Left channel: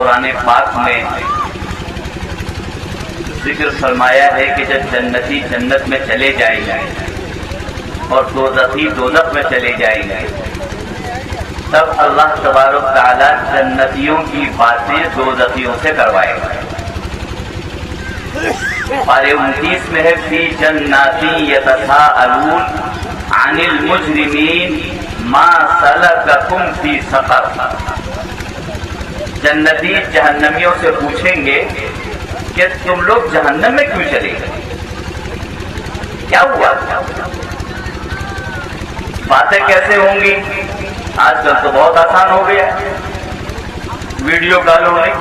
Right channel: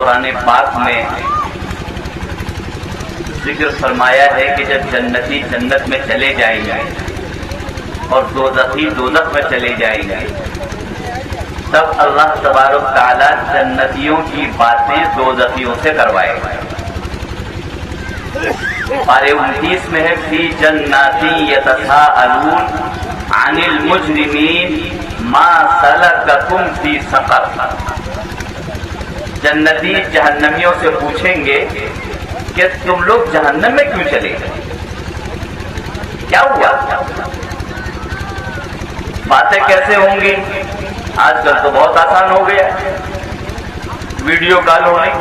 قرآن پاک میں ذکر فرمایا ہے کہ جب جنتی جنت میں چلے جائیں گے اور دوزخی دوزخ میں چلے جائیں گے تب اللہ تبارک تعالیٰ جنتیوں کی باتیں دوزخیوں سے کروائے گا۔ پارے 29 میں ہے فی جناتی یتساءلون عن المجرمین ما سلککم فی سقر۔ جنتی جہنمیوں سے پوچھیں گے کہ تم لوگ جہنم میں کیوں چلے گئے، کیا ہوا؟ باتیں کیسے ہوں گی؟ آج کل تو بہت آسان ہو گیا، ویڈیو کال ہو گئی،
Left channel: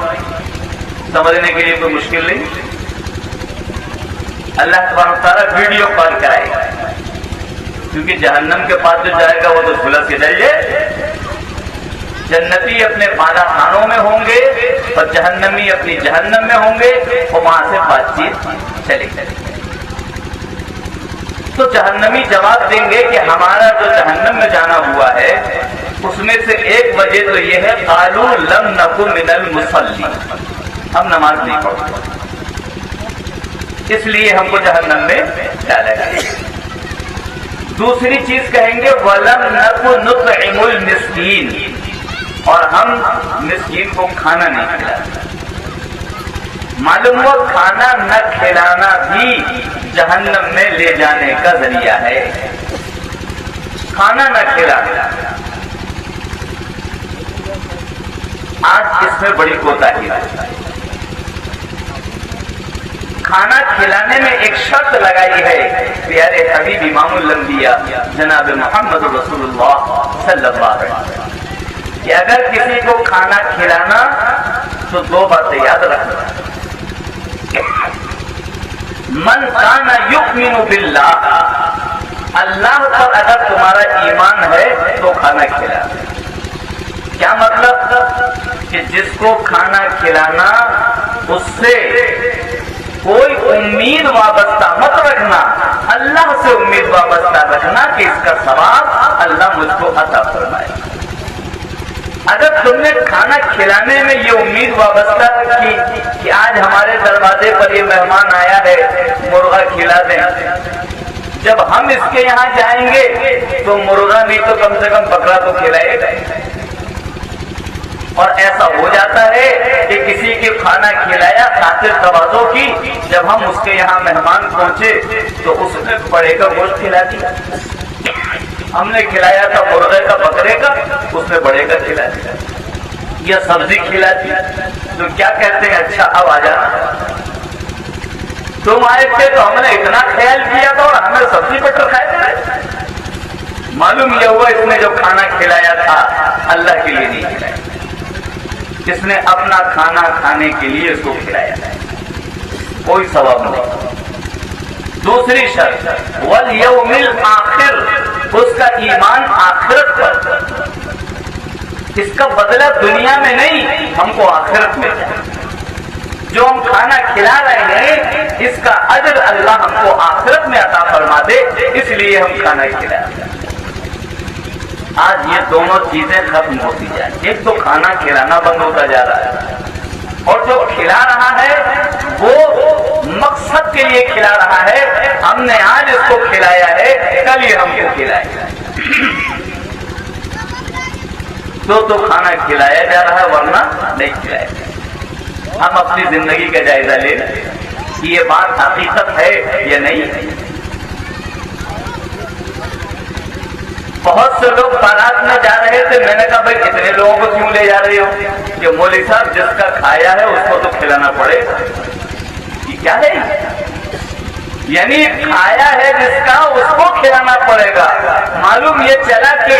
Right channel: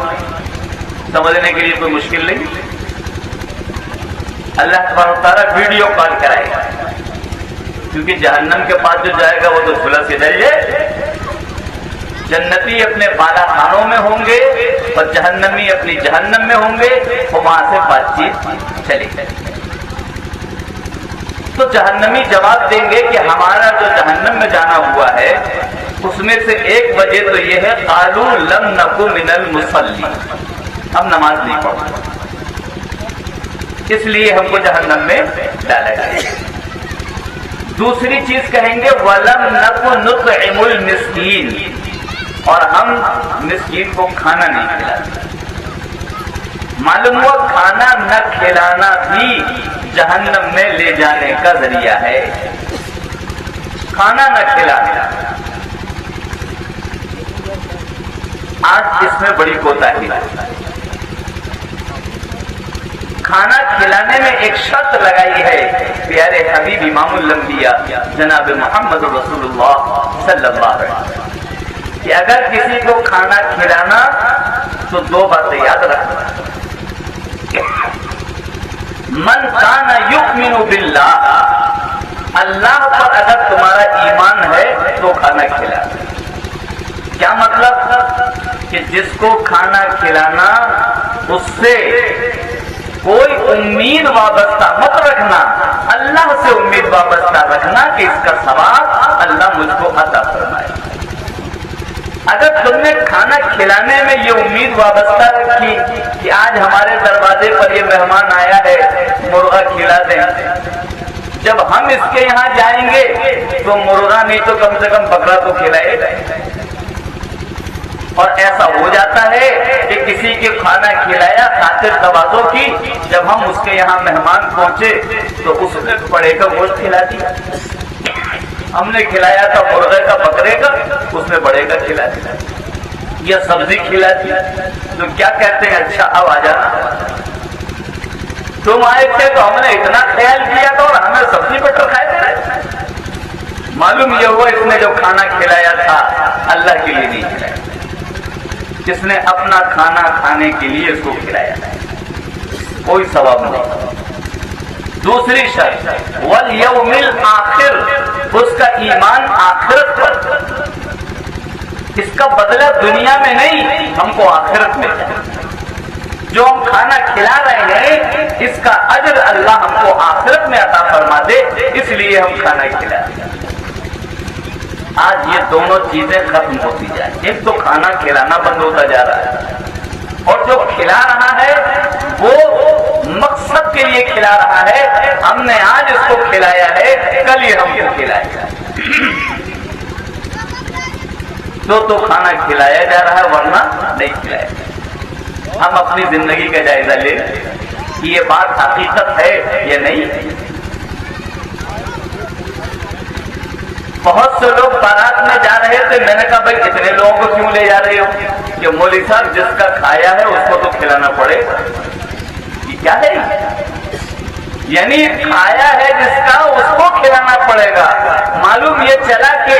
سمجھنے کے لیے کوئی مشکل نہیں۔ اللہ تبارک تعالیٰ ویڈیو کال کرائے گا، کیونکہ جہنم کے پاس جو جائے گا وہ تو کھلا سے ڈر جائے۔ جنتی اپنے بالا خانوں میں ہوں گے اور جہنمی اپنی جہنم میں ہوں گے، اور وہاں سے بات چیت چلے گی۔ تو جہنمی جواب دیں گے کہ ہمارا جو جہنم میں جانا ہوا ہے اس میں سے ایک وجہ تو یہ ہے قالوا لم نک من المصلین، ہم نماز نہیں پڑھتے اس لیے ہم کو جہنم میں ڈالا گیا۔ دوسری چیز کہیں گے وَلَمْ نَكُ نُطْعِمُ الْمِسْكِينَ، اور ہم مسکین کو کھانا نہیں کھلاتے۔ معلوم ہوا کھانا نہ کھلانا بھی جہنم میں لے جانے کا ذریعہ ہے۔ کھانا نہ کھلانا، آج اس میں بڑی کوتاہی ہے۔ کھانا کھلانے میں ایک شرط لگائی ہے پیارے حبیب امام الانبیاء جناب محمد رسول اللہ صلی اللہ علیہ وسلم کہ اگر کسی کو کھانا کھلانا تو دو باتیں یاد رکھنا۔ من کان یؤمن باللہ، اللہ پر اگر تمہارا ایمان ہے تو کھانا کھلانا۔ کیا مطلب؟ کہ جس کو کھانا کھلانا اس سے کوئی امید وابستہ مت رکھنا، اللہ سے امید وابستہ رکھنا کہ اس کا ثواب اللہ مجھ کو عطا فرمائے۔ اگر تم نے کھانا کھلانے میں یہ امید وابستہ کی کہ آج ہمارے دروازے پر یہ مہمان آیا ہے مرغا کھلا دیں، جب ہم اس کے یہاں جائیں گے تو مرغا نہیں تو کم سے کم بکرا تو کھلائے گا۔ اور ایسا ہو جاتا ہے کہ کسی کے کھانا کھلایا خاطر توازوں کی، جب ہم اس کے یہاں مہمان پہنچے تو اس نے بڑے کا گوشت کھلا دیا، ہم نے کھلایا تھا مرغے کا بکرے کا، اس نے بڑے کا کھلا دیا، یا سبزی کھلا دی تو کیا کہتے ہیں اچھا اب آ جانا، تم آئے تھے تو ہم نے اتنا خیال کیا تھا اور ہمیں سبزی پٹر کھائے تھے۔ معلوم یہ ہوا اس نے جو کھانا کھلایا تھا اللہ کے لیے نہیں کھلایا، جس نے اپنا کھانا کھانے کے لیے اس کو کھلایا کوئی ثواب نہیں۔ دوسری شرط والیوم الآخر، اس کا ایمان آخرت پر، اس کا بدلہ دنیا میں نہیں، ہم کو آخرت میں چاہیے۔ جو ہم کھانا کھلا رہے ہیں اس کا اجر اللہ ہم کو آخرت میں عطا فرما دے، اس لیے ہم کھانا کھلا رہے ہیں۔ آج یہ دونوں چیزیں ختم ہوتی جائیں، ایک تو کھانا کھلانا بند ہوتا جا رہا ہے، اور جو کھلا رہا ہے وہ مقصد کے لیے کھلا رہا ہے، ہم نے آج اس کو کھلایا ہے کل یہ ہم کو کھلائے گا۔ تو کھانا کھلایا جا رہا ہے ورنہ نہیں کھلایا جا رہا۔ ہم اپنی زندگی کا جائزہ لیں کہ یہ بات حقیقت ہے یا نہیں ہے۔ بہت سے لوگ بارات میں جا رہے تھے، میں نے کہا بھائی کتنے لوگوں کو کیوں لے جا رہے ہو؟ کہ مولوی صاحب جس کا کھایا ہے اس کو تو کھلانا پڑے گا۔ یہ کیا ہے؟ یعنی کھایا ہے جس کا اس کو کھلانا پڑے گا۔ معلوم یہ چلا کہ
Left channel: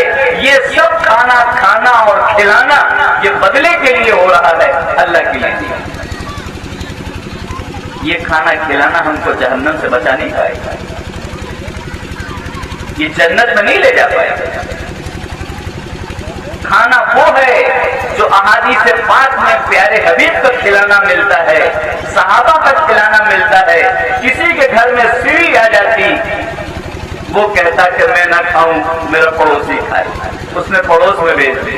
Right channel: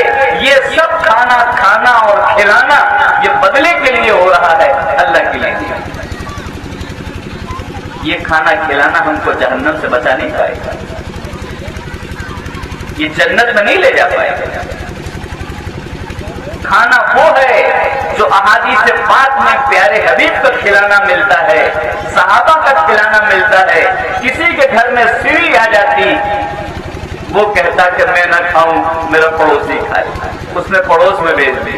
یہ سب کھانا اور کھلانا یہ بدلے کے لیے ہو رہا ہے، اللہ کے لیے۔ یہ کھانا کھلانا ہم کو جہنم سے بچا نہیں پائے گا، یہ جنت میں نہیں لے جا پائے گا۔ کھانا وہ ہے جو احادیث پاک میں پیارے حبیب تک کھلانا ملتا ہے، صحابہ تک کھلانا ملتا ہے۔ کسی کے گھر میں سیڑھی آ جاتی، وہ کہتا کہ میں نہ کھاؤں، میرا پڑوسی کھائے، اس نے پڑوس میں بھیج دی،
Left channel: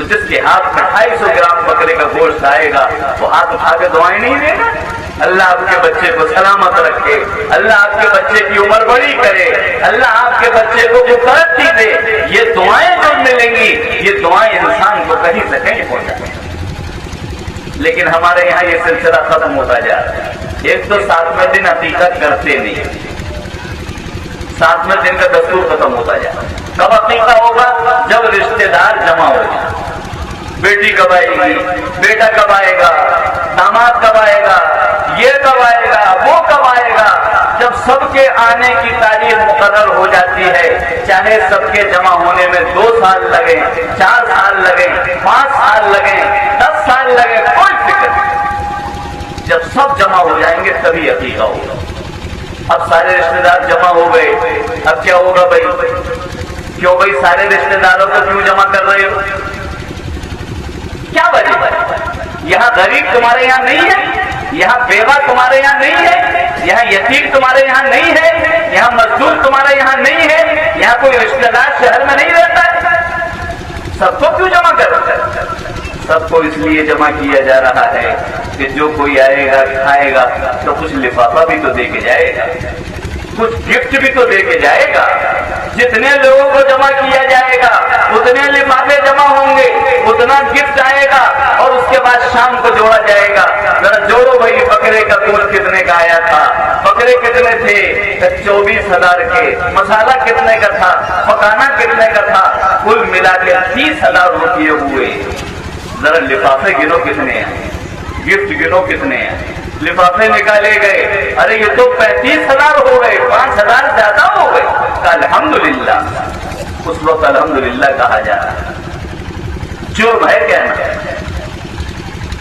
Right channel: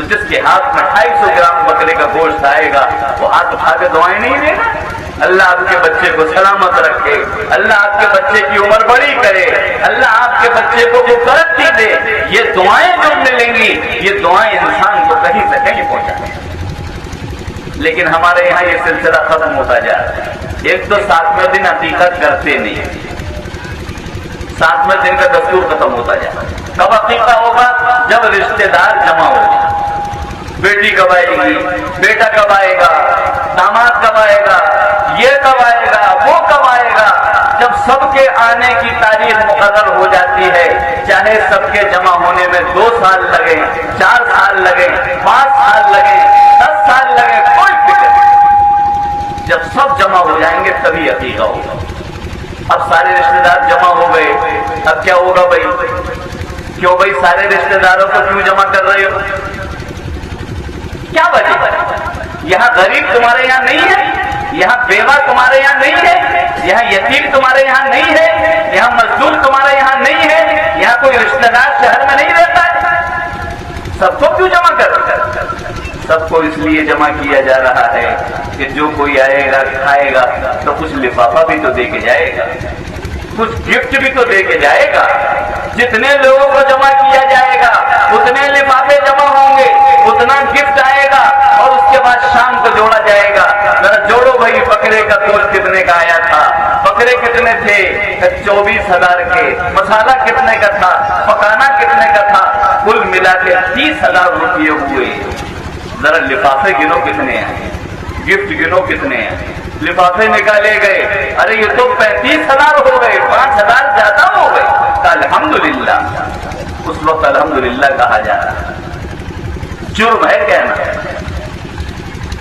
تو جس کے ہاتھ میں 250 گرام بکرے کا گوشت آئے گا وہ ہاتھ اٹھا کے دعائیں نہیں دے گا؟ اللہ آپ کے بچے کو سلامت رکھے، اللہ آپ کے بچے کی عمر بڑی کرے، اللہ آپ کے بچے کو وہ ترقی دے، یہ دعائیں جو ملیں گی یہ دعائیں انسان کو کہیں سے کہیں پہنچائیں۔ لیکن ہمارے یہاں یہ سلسلہ ختم ہوتا جا رہا ہے۔ ایک تو 7ویں دن عقیقت کرتے نہیں، 7ویں دن کا دستور ختم ہوتا جا رہا ہے۔ کب عقیقہ ہوگا؟ جب رشتے دار جمع ہوگا، بیٹی کب آئے گی، بیٹا کب آئے گا، داماد کب آئے گا، یہ کب آئے گا، وہ کب آئے گا۔ جب سب کے آنے کی تاریخ مقرر ہو جاتی ہے، چاہے سب کے جمع ہونے میں 2 سال لگے، 4 سال لگے، 5 سال لگے، 10 سال لگے، کوئی فکر نہیں۔ جب سب جمع ہو جائیں گے تبھی عقیقہ ہوگا۔ اب سارے رشتے دار جمع ہو گئے، اب کیا ہوگا بھائی؟ کیوں بھائی سارے رشتے داروں کو کیوں جمع کر رہے ہو؟ کیا وجہ ہے؟ یہاں غریب تمہارے یہاں نہیں ہے، یہاں بیوہ تمہارے یہاں نہیں ہے، یہاں یتیم تمہارے یہاں نہیں ہے، یہاں مزدور تمہارے یہاں نہیں ہے، یہاں کوئی رشتہ دار شہر میں نہیں رہتا ہے۔ سب کو کیوں جمع کر رہے ہیں؟ سب کو اس لیے جمع کیا جا رہا ہے کہ جو کوئی آئے گا کھائے گا تو کچھ لفافہ بھی تو دے کے جائے گا، کچھ گفٹ بھی تو دے کے جائے گا۔ جتنے لوگوں کو جمع کیا جائے گا اتنے لفافے جمع ہوں گے، اتنا گفٹ آئے گا، اور اس کے بعد شام کو جوڑا جائے گا۔ ذرا جوڑو بھائی، بکرے کا گوشت کتنے کا آیا تھا، بکرے کتنے تھے؟ 24,000 کے۔ مسالہ کتنے کا تھا، پکانا کتنے کا تھا؟ کل ملا کے 30,000 روپئے ہوئے۔ ذرا لفافے گنو کتنے ہیں، گفٹ گنو کتنے ہیں۔ لفافے نکالے گئے، ارے یہ تو 35,000 ہو گئے، 5,000 زیادہ ہو گئے۔ الحمدللہ، اس وقت الحمدللہ کہا جا رہا ہے۔ جرم ہے کہنا،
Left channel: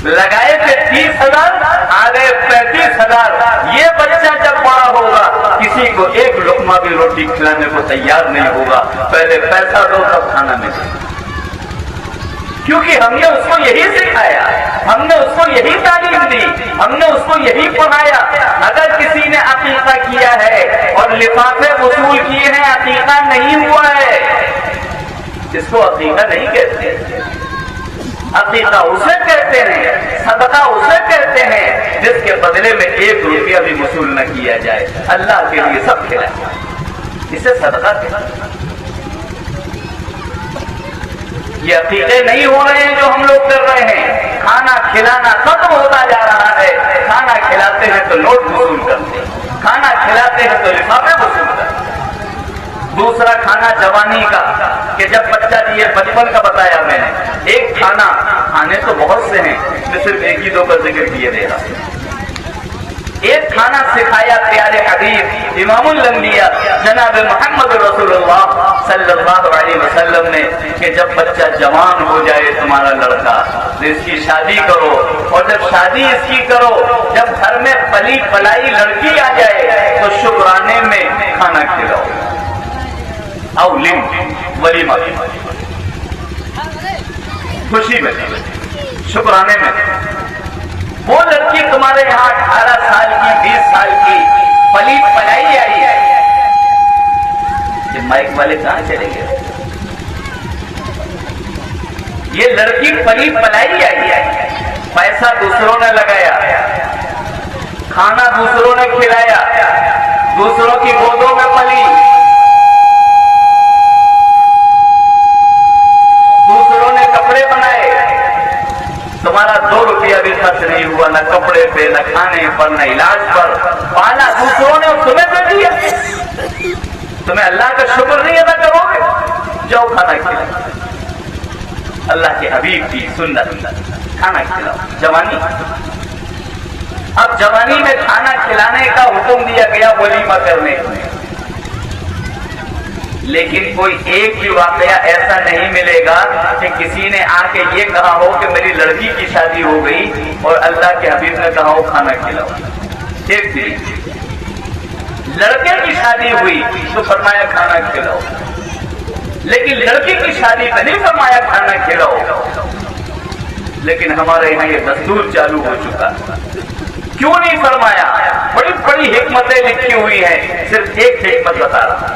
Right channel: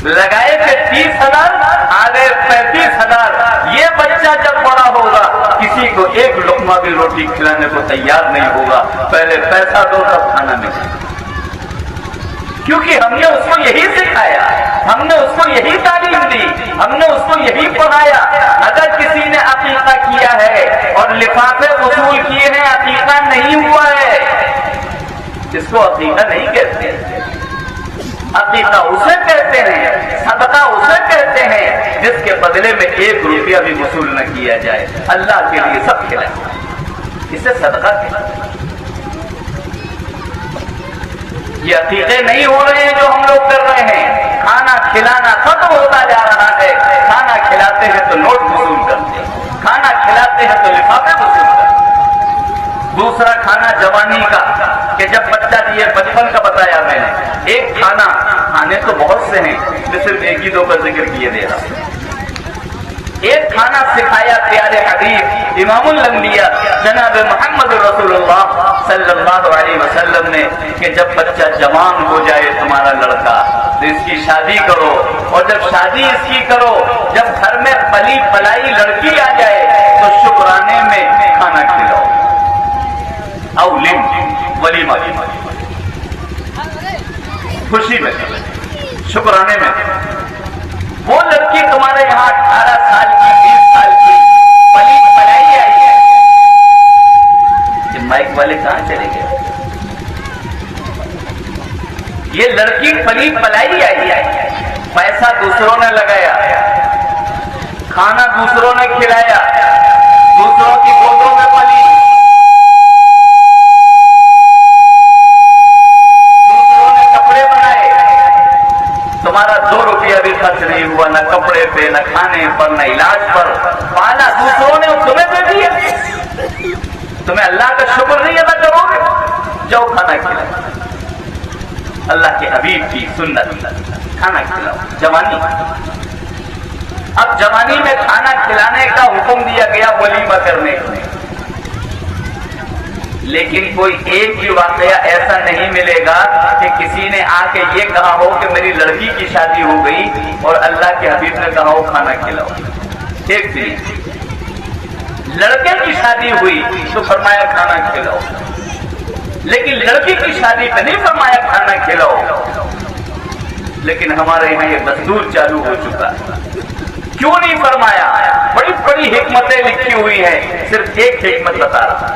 لگائے تھے 30,000 آ گئے 35,000۔ یہ بچہ جب بڑا ہوگا کسی کو ایک لقمہ بھی روٹی کھلانے کو تیار نہیں ہوگا، پہلے پیسہ دو تب کھانا ملے، کیونکہ ہم نے اس کو یہی سکھایا، ہم نے اس کو یہی تعلیم دی، ہم نے اس کو یہی پڑھایا۔ اگر کسی نے عقیقہ کیا ہے اور لفافے وصول کیے ہیں، عقیقہ نہیں ہوا ہے، اس کو عقیقہ نہیں کہتے۔ عقیقہ اسے کہتے ہیں، صدقہ اسے کہتے ہیں جس کے بدلے میں 1 روپیہ بھی وصول نہ کیا جائے، اللہ کے لیے سب کھلانا، اسے صدقہ کہتے ہیں۔ یہ عقیقے نہیں ہو رہے ہیں جو ہم لوگ کر رہے ہیں۔ کھانا کھلانا ختم ہوتا جا رہا ہے، کھانا کھلاتے ہیں تو نوٹ وصول کرتے ہیں، کھانا کھلاتے ہیں تو لفافے وصول کرتے ہیں۔ دوسرا کھانا جوانی کا، کہ جب بچہ دیے، بچپن کا بتایا میں نے۔ ایک کھانا، کھانے تو بہت سے ہیں، میں صرف 1 کا ذکر کیے دے رہا ہوں۔ ایک کھانا سکھایا پیارے حبیب امام الانبیاء جناب محمد رسول اللہ صلی اللہ علیہ وسلم نے، کہ جب بچہ جوان ہو جائے تمہارا لڑکا تو اس کی شادی کرو، اور جب شادی اس کی کرو، جب گھر میں پلی پلائی لڑکی آ جائے تو شکرانے میں کھانا کھلاؤ، ولیمہ، خوشی میں، شکرانے میں۔ وہ لڑکی تمہارے یہاں 18 سال کی، 20 سال کی پلی پلائی آئی ہے، یہ مائک والے کہاں چلے گئے؟ یہ لڑکی پلی پلائی آئی ہے، پیسہ دوسروں نے لگایا، کھانا دوسروں نے کھلایا، دوسروں کی گودوں میں پلی، دوسروں نے کپڑے بنائے، تمہارا 2 روپیہ بھی خرچ نہیں ہوا، نہ کپڑے پہ، نہ کھانے پر، نہ علاج پر، پالا دوسروں نے تمہیں دے دیا۔ تمہیں اللہ کا شکر نہیں ادا کرو گے؟ جاؤ کھانا کھلاؤ، اللہ کے حبیب کی سنت، کھانا کھلاؤ۔ جوانی، اب جوانی میں کھانا کھلانے کا حکم دیا گیا ولیمہ کرنے کو، لیکن کوئی ایک بھی واقعہ ایسا نہیں ملے گا کہ کسی نے آ کے یہ کہا ہو کہ میری لڑکی کی شادی ہو گئی اور اللہ کے حبیب نے کہا ہو کھانا کھلاؤ۔ ایک بھی لڑکے کی شادی ہوئی تو فرمایا کھانا کھلاؤ، لیکن لڑکی کی شادی میں نہیں فرمایا کھانا کھلاؤ۔ لیکن ہمارے یہاں یہ دستور چالو ہو چکا، کیوں نہیں فرمایا؟ بڑی بڑی حکمتیں لکھی ہوئی ہیں، صرف ایک حکمت بتا رہا۔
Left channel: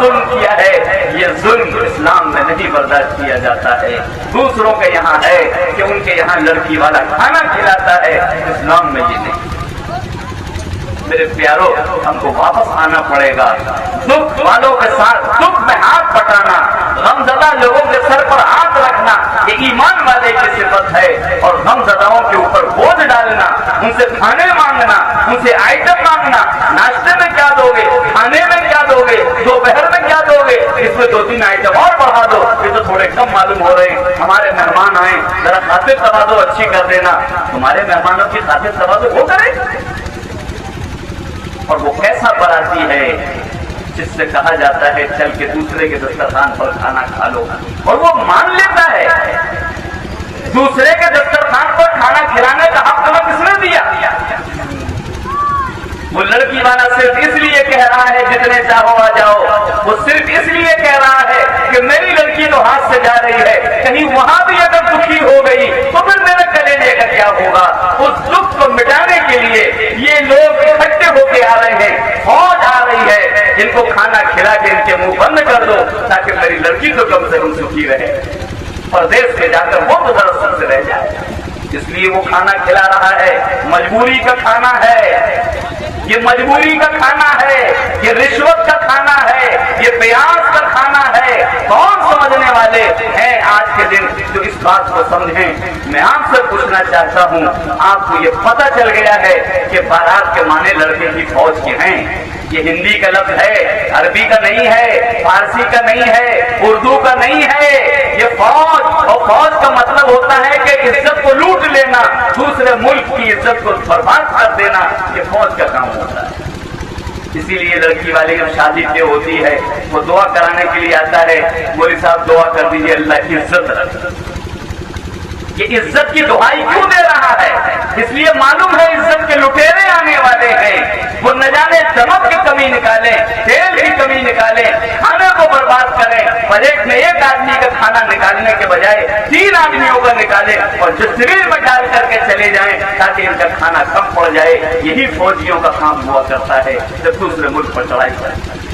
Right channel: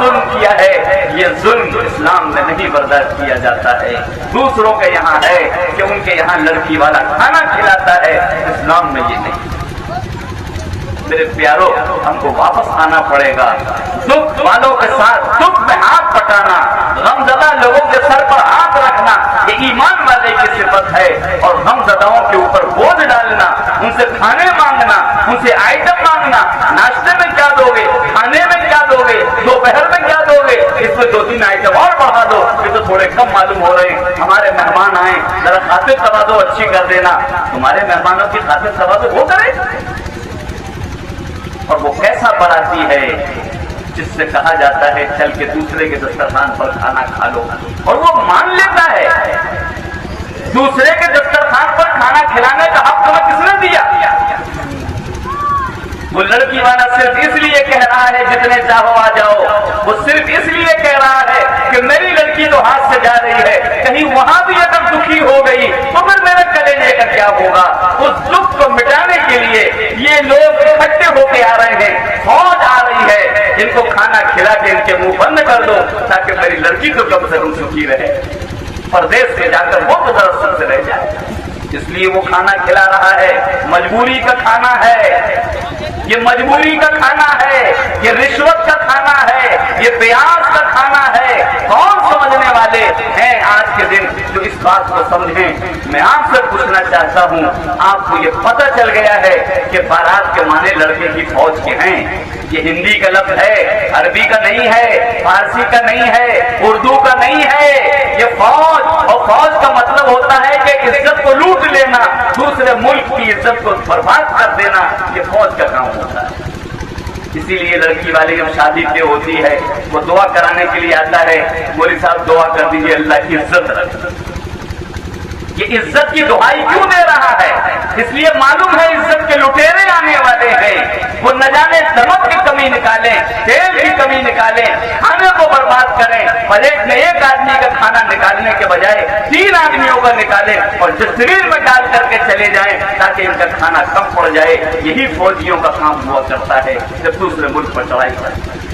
ظلم کیا ہے، یہ ظلم اسلام میں نہیں برداشت کیا جاتا ہے۔ دوسروں کے یہاں ہے کہ ان کے یہاں لڑکی والا کھانا کھلاتا ہے، اسلام میں یہ نہیں۔ میرے پیاروں، ہم کو واپس آنا پڑے گا، دکھ والوں کے ساتھ دکھ میں ہاتھ بٹانا، غمزدہ لوگوں کے سر پر ہاتھ رکھنا یہ ایمان والے کی صفت ہے، اور غمزداؤں کے اوپر بوجھ ڈالنا، ان سے کھانے مانگنا، ان سے آئٹم مانگنا، ناشتے میں کیا دو گے، کھانے میں کیا دو گے، دوپہر میں کیا دو گے، اس میں 2-3 آئٹم اور بڑھا دو، یہ تو تھوڑے کم معلوم ہو رہے ہیں، ہمارے مہمان آئے ذرا خاطر تواضع اچھی کر دینا۔ تمہارے مہمانوں کی خاطر تواضع وہ کرے، اور وہ کیسا براتی ہے جس سے کہا جاتا ہے چل کے دوسرے کے دسترخوان پر کھانا کھا لو، اور وہ مان لیتا ہے۔ دوسرے کے دسترخوان پر کھانا کھلانے کا حق تمہیں کس نے دیا؟ وہ لڑکی والا صرف اس لیے کہہ رہا ہے جتنے چاہو آ جاؤ، وہ صرف اس لیے کہہ رہا ہے کہ میری لڑکی تو ہاتھ سے جا رہی ہے، کہیں وہاں بھی اگر دکھی ہو گئی تو پھر میرے کلیجے کا کیا ہوگا؟ اس دکھ کو مٹانے کے لیے یہ لوگ اکٹھے ہو کے آ رہے ہیں، فوج آ رہی ہے، جن کو کھانا کھلا کے ان کے منہ بند کر دو تاکہ میری لڑکی تو کم سے کم سکھی رہے، پردیش میں جا کر وہ تو درست سے رہ جائے۔ اس لیے وہ کھانا کھلا رہا ہے، مجبوری کا کھانا ہے، یہ مجبوری کا کھانا ہے، یہ رشوت کا کھانا ہے، یہ پیاس کا کھانا ہے۔ کون سمجھنے والے ہیں آج کے دن جو اس بات کو سمجھیں؟ میں آپ سے پوچھنا چاہتا ہوں، آپ کو یہ پتہ چل گیا ہے کہ بارات کے معنی لڑکے کی فوج کے ہیں؟ یہ ہندی کا لفظ ہے، عربی کا نہیں ہے، فارسی کا نہیں ہے، اردو کا نہیں ہے، یہ فوج، اور فوج کا مطلب ہوتا ہے کہ عزت کو لوٹ لینا، دوسرے ملک کی عزت کو برباد کر دینا، یہ فوج کا کام ہوتا ہے۔ اسی لیے لڑکی والی جب شادی سے ہوتی ہے وہ دعا کرانے کے لیے آتا ہے، مولوی صاحب دعا کر دیجیے اللہ کی عزت رکھے۔ یہ عزت کی دعائی کیوں دے رہا ہے؟ اس لیے معلوم ہے عزت کے لٹیرے آنے والے ہیں، وہ نہ جانے نمک کی کمی نکالیں، تیل کی کمی نکالیں، کھانے کو برباد کریں، پلیٹ میں ایک آدمی کا کھانا نکالنے کے بجائے 3 آدمیوں کا نکالیں اور ڈسٹبن میں ڈال کر کے چلے جائیں تاکہ ان کا کھانا کم پڑ جائے۔ یہی فوجیوں کا کام ہوا کرتا ہے جب دوسرے ملک پر چڑھائی کرتے ہیں،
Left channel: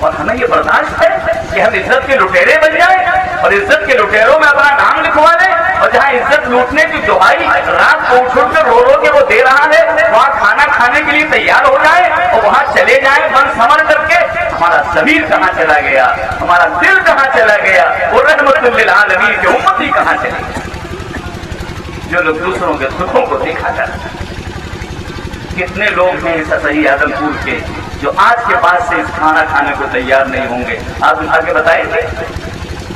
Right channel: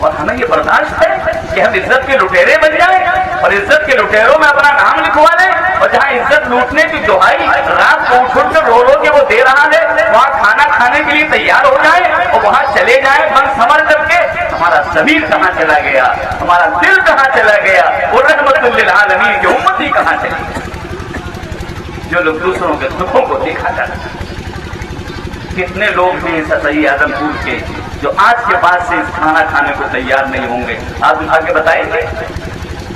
اور ہمیں یہ برداشت ہے کہ ہم عزت کے لٹیرے بن جائیں اور عزت کے لٹیروں میں اپنا نام لکھوا لیں، اور جہاں عزت لوٹنے کی دہائی رات کو اٹھ کر رو رو کے وہ دے رہا ہے وہاں کھانا کھانے کے لیے تیار ہو جائے اور وہاں چلے جائیں بن سمر کر کے۔ ہمارا ضمیر کہاں چلا گیا؟ ہمارا دل کہاں چلا گیا؟ وہ رحمت للعالمین کی امتی کہاں چلی گئی؟ جو لوگ دوسروں کے دکھوں کو دیکھا جاتا ہے۔ کتنے لوگ ہیں صحیح آدم پور کے جو آج کے بعد سے اس کھانا کھانے کو تیار نہیں ہوں گے؟ آپ اٹھا کے بتائیں گے؟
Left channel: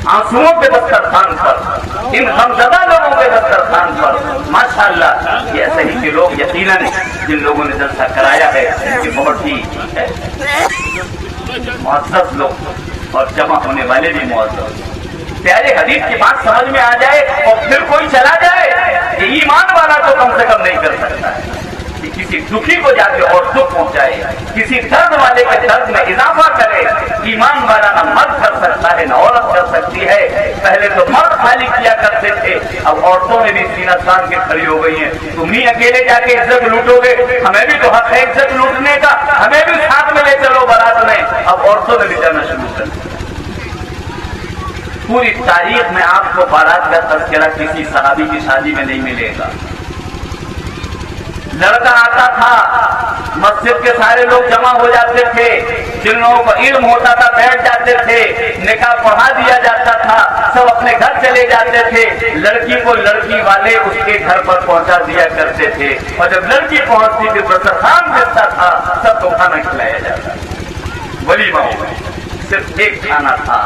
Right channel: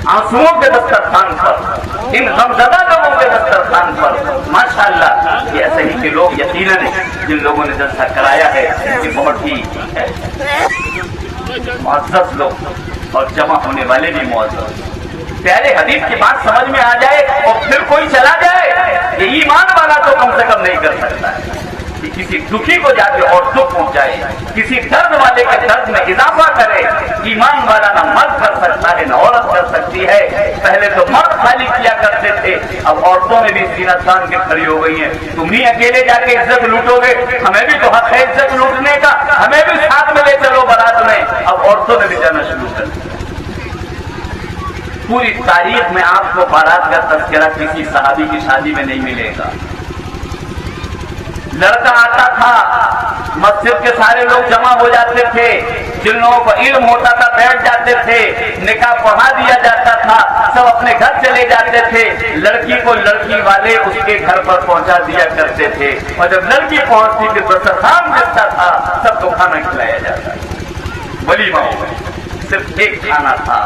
آنسوؤں کے دسترخوان پر، ان غمزدہ لوگوں کے دسترخوان پر ماشاءاللہ یہ ایسے ہی کے لوگ یقیناً جن لوگوں نے جلسہ کرایا ہے یہ بہت ہی معزز لوگ اور جمع ہونے والے بھی معزز۔ پیارے حدیث کی بات سمجھ میں آ جائے اور پھر کوئی چلا جائے، یہ ایمان والا تو کم سے کم نہیں کر سکتا ہے کہ کسی دکھی کو جا کے اور دکھ پہنچائے، کسی درد والے کے درد میں اضافہ کرے۔ ایمان والا نہ مرد کر سکتا ہے نہ عورت کر سکتی ہے۔ پہلے تو مرد خالی کیا کرتے تھے، اب عورتوں نے بھی سینہ تان کے کھڑی ہو گئی ہیں۔ تم ہی اکیلے جا کے عزت لوٹو گے، ہمیں بھی تو حق ہے عزت لوٹنے کا، ہمیں بھی ساتھ میں لے چلو بارات میں۔ اب عورتوں نے بھی جانا شروع کر دیا۔ پوری تاریخ میں آپ کو بارات کا تذکرہ کسی صحابی کی شادی میں نہیں ملے گا۔ لڑکا آتا تھا، مسجد کے سارے لوگ جمع ہو جاتے تھے، جن لوگوں کو علم ہوتا تھا بیٹھ جاتے تھے، نکاح پڑھا دیا جاتا تھا، سب اپنے گھر چلے جاتے تھے۔ لڑکی کو لڑکی والے اس کے گھر پر پہنچا دیا کرتے تھے، اور جب لڑکی پہنچتی تھی دسترخوان ملتا تھا، سب کو کھانا کھلایا جاتا تھا۔ ولیمہ ہو گیا، صرف ایک کھانا تھا۔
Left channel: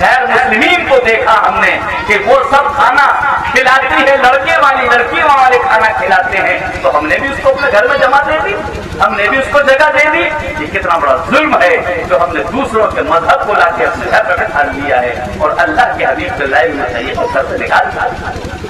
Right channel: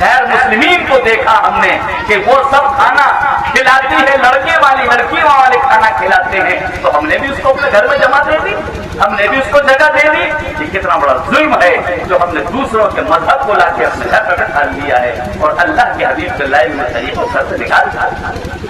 غیر مسلمین کو دیکھا ہم نے کہ وہ سب کھانا کھلاتی ہے، لڑکے والی لڑکیوں والے کھانا کھلاتے ہیں، تو ہم نے بھی اس کو اپنے گھر میں جمع دے دی، ہم نے بھی اس کو جگہ دے دی۔ یہ کتنا بڑا ظلم ہے جو ہم نے دوسروں سے مذہب کو لا کے اپنے گھر میں بٹھا لیا ہے، اور اللہ کے حبیب صلی اللہ علیہ وسلم کو گھر سے نکال دیا۔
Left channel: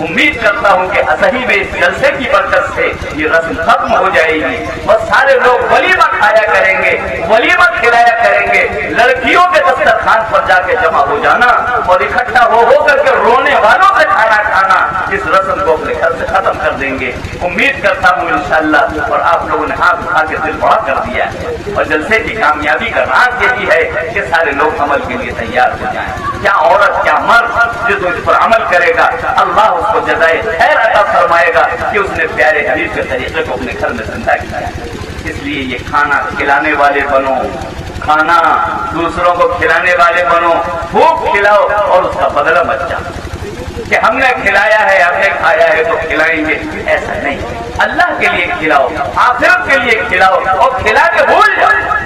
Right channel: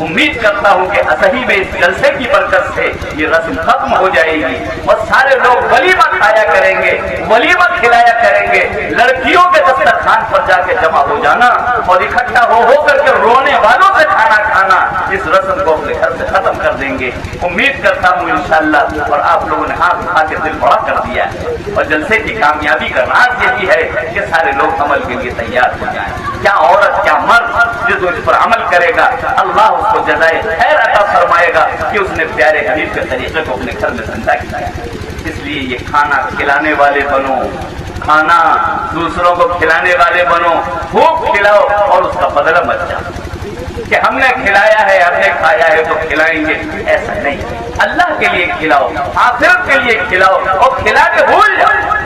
امید کرتا ہوں کہ صحیح میں اس جلسے کی برکت سے یہ رسم ختم ہو جائے گی اور سارے لوگ ولیمہ کھایا کریں گے، ولیمہ کھلایا کریں گے۔ لڑکیوں کے دسترخوان پر جا کے جمع ہو جانا اور اکٹھا ہو کر کے رونے والوں سے کھانا کھانا، اس رسم کو اپنے گھر سے ختم کر دیں گے. امید کرتا ہوں انشاءاللہ. اور آپ لوگوں نے ہاتھ اٹھا کے دل بڑا کر دیا ہے. اور جلسے کی کامیابی کا راز یہی ہے کہ سارے لوگ عمل کے لیے تیار ہو جائیں. کیا عورت کیا مرد جو اس پر عمل کرے گا اللہ اس کو جزائے خیر عطا فرمائے گا کہ اس نے پیارے حبیب کے طریقے کو اپنے گھر میں زندہ کیا. اس لیے یہ کھانا کھلانے والے بنو, کھانا دوسروں کو کھلانے والے بنو, خوب کھلاؤ اور اس کا بدلہ مت جاؤ کہ ہم نے کھلایا ہے, ہم نے کھایا ہے تو کھلائیں گے. ایسا نہیں, اللہ کے لیے کھلاؤ, آخرت کے لیے کھلاؤ اور کھلا کے بھول جاؤ.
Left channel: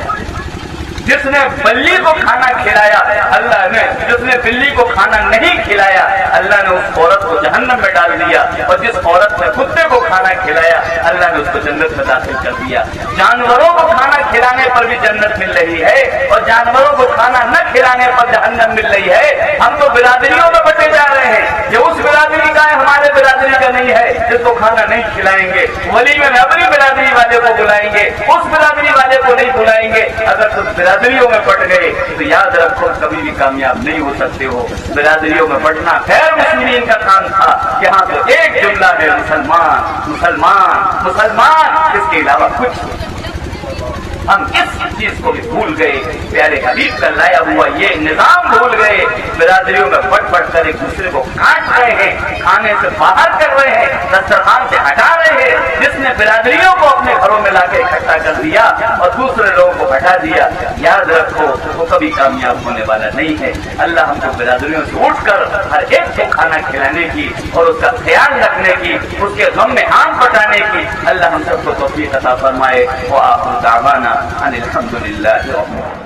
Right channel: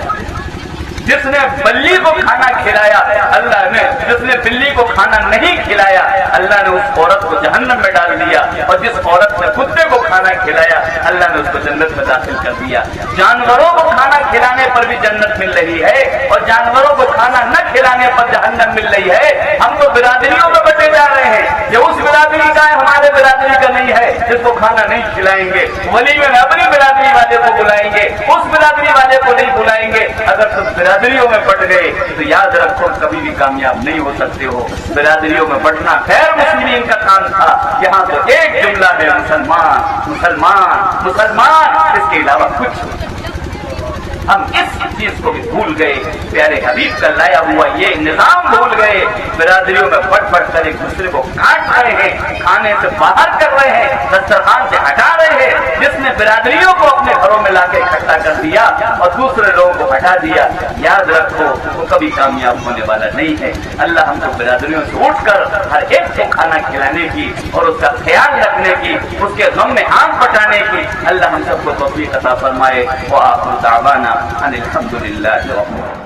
جس نے بلی کو کھانا کھلایا اللہ نے, جس نے بلی کو کھانا نہیں کھلایا اللہ نے اس عورت کو جہنم میں ڈال دیا. اور جس عورت نے کتے کو کھانا کھلایا اللہ نے اس کو جنت میں داخل کر دیا. جانوروں کو کھانا کھلانے پر بھی جنت مل رہی ہے اور جانوروں کو کھانا نہ کھلانے پر جہنم مل رہی ہے. ہم تو برادریوں میں بٹے جا رہے ہیں کہ اس برادری کا ہے, ہمارے برادری کا نہیں ہے, جس کو کھانا نہیں کھلائیں گے. ولیمے میں اپنی برادری والے کو بلائیں گے, اس برادری والے کو نہیں بلائیں گے. اگر تم برادریوں میں بٹ گئے تو یاد رکھو کبھی بھی کامیاب نہیں ہو سکتے ہو. برادریوں میں بٹنا خیر مسلمین کا کام تھا. یہاں تو ایک جملہ ہے مسلمان مسلمان مسلمان, اس کے علاوہ کچھ نہیں. ہم اس چیز کو بھی بھول گئے, پیارے حبیب کا لایا ہوا یہ نظام بھول گئے. برادریوں میں بٹ بٹ کر ایک دوسرے کو کاٹ رہے ہیں, کھانے سے باہر کر رہے ہیں, دسترخوان سے ہٹا رہے ہیں. جس نے برادریوں کو اپنے گھروں میں لا کے اکٹھا کر دیا اور دوسرے لوگوں کو ہٹا دیا, یاد رکھو وہ کبھی کامیاب ہونے والا نہیں ہے. اللہ ہم کو برادریوں سے اٹھ کر ہر ایک کو کھانا کھلانے کی اور اس کا خیال رکھنے کی, اس کے غم میں آم پٹانے کی اللہ ہم سب کو توفیق عطا فرمائے. وآخر دعوانا ان الحمد للہ رب العالمین.